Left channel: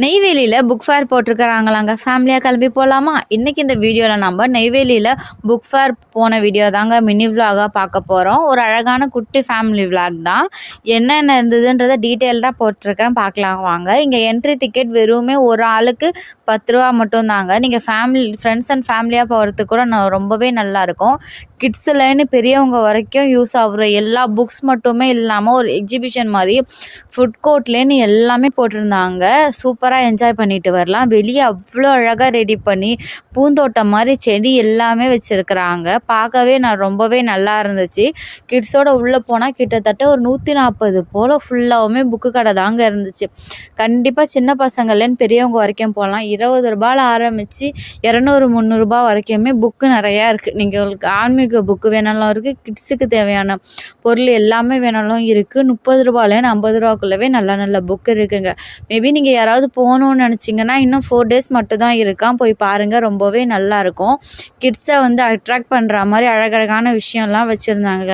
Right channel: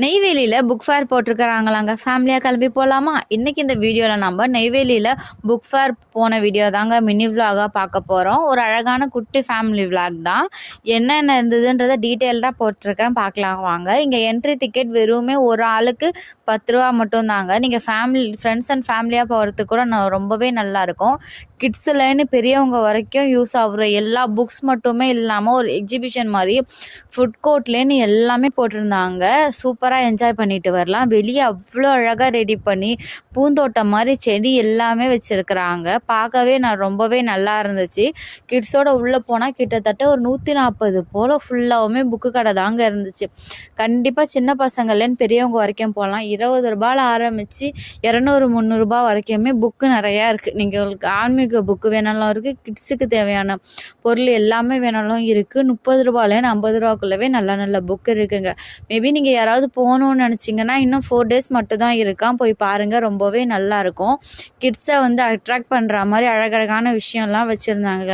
நெய்வேலியில் book fair போட்டிருக்கிறாங்களாங்க. ஃபேமிலியாக கிளம்பி போகலாமா? இன்றைக்கி இந்த வீடியோவில் நம்ம நெய்வேலியில் புக் ஃபேர் போன வீடியோ தாங்க மினி விலாகாக பார்க்க போகிறோம். ஒரு அழகான குட்டி ஃபேமிலி விலாக் தான். என்னென்ன இருந்ததுன்றதை டீட்டெயில்டாக போட்டிருக்கேன், பார்க்கலாம் வாங்க. இங்கே என்ட்ரி டிக்கெட் வெறுமே ஒரு ஆளுக்கு 10 ரூபா மட்டும்தாங்க. நீங்கள் ஃப்ரெண்ட்ஸ் அண்ட் ஃபேமிலியாக போகிறதுக்கு கூட ரொம்பவே நல்லாயிருக்கும். கிட்ஸ்லேன்னு பெரியவங்க வரைக்கும் யூஸ் ஆகுற எல்லா புக்ஸ் மட்டுமே இல்லாமல் ஒரு எக்ஸிபிஷன் மாதிரி ஃபுட் கோர்ட்லேன்னு எல்லாமே போட்டிருந்தாங்க. சூப்பராக என்ஜாய் பண்ணிட்டு வரலாம். வெளியே அவ்வளோ அழகாக ரெடி பண்ணி பூந்தோட்டம் மாதிரி செடி எல்லாமே வச்சுருக்குறாங்க. பார்க்கவே ரொம்பவே நல்லா இருந்துச்சு. கிட்ஸோட உள்ளே போனால் கிட்டத்தட்ட ஒரு 140 போல் ஃபுல்லாகவுமே புக்கு கடை தாங்க இருந்துச்சு. கண்டிப்பாக சின்ன பசங்கள்லேன்னு பெரியவங்க வரைக்கும் போகலாம். 20 ரூபாயில் ஆரம்பித்து 200-300 வரைக்குமே புக்கு நிறையா இருக்குது. நீங்கள் ஆன்மீக புக்கு வேணாலும் இருக்குது, கிட்ஸுக்கு தேவையான பொருள் எல்லாமே வேணாலும் இருக்குது. 30 ரூபாயிலேருந்து 50 ரூபாக்குள்ளவே நல்ல நல்ல புக்கு இருக்குங்க. மேபி நீங்கள் யாராவது போகணுன்னு நினச்சிங்கன்னா இன்னும் 4 டேஸ் மட்டும் தான் இருக்கான், போய் பாருங்கள். ரொம்பவே நல்லாயிருக்கும். கிட்ஸை அட்ராக்ட் பண்ணுற மாதிரி அழகழகான விஷயம்லாம் வச்சுருந்தாங்க.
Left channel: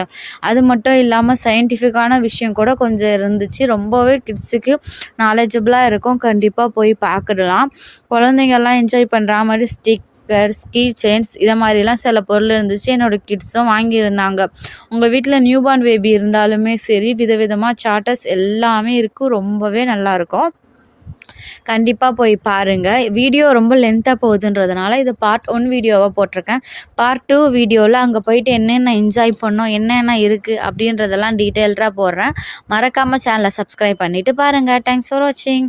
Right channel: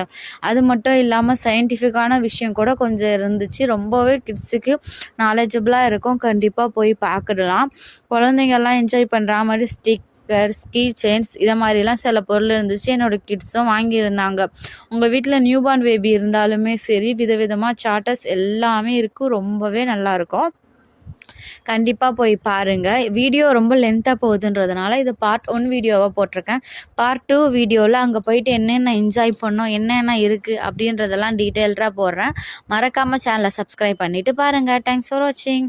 அது மட்டும் இல்லாமல் சயின்டிஃபிக்கான விஷயம் கூட கொஞ்சம் இருந்துச்சு. ரொம்பவே கிட்ஸுக்கு நாலேஜபிளாக இருக்கும். கண்டிப்பாக போய் பார்க்கலாம். குழந்தைங்கள்லாம் என்ஜாய் பண்ணுற மாதிரி கீ செயின்ஸ் இதை மாதிரிலாம் சில பொருள் இருந்துச்சு. என்னோடய கிட்ஸும் வாங்கியிருந்தாங்க. உங்கள் வீட்டில் நியூபார்ன் பேபி இருந்தாலுமே சரி, விதவிதமாக சார்ட்டர்ஸ் எல்லாமே இருக்குது. ரொம்பவே நல்லாயிருக்கும். கண்டிப்பாக போய் பாருங்கள். வீடியோ ரொம்ப லென்த்தாக போகுதுன்றதுனால இது பார்ட் 1 வீடியோவாக போட்டிருக்கேன். பார்ட் 2 வீடியோவில் அங்கே போயிட்டு என்னென்ன என்ஜாய் பண்ணோம், என்னென்ன இருக்குது அப்படின்றதெல்லாம் டீட்டெயில்டாக போடுறேன். மறக்காமல் சேனலை சப்ஸ்கிரைப் பண்ணிவிட்டு பாருங்கள். தேங்க்ஸ் ஃபார் வாட்சிங்.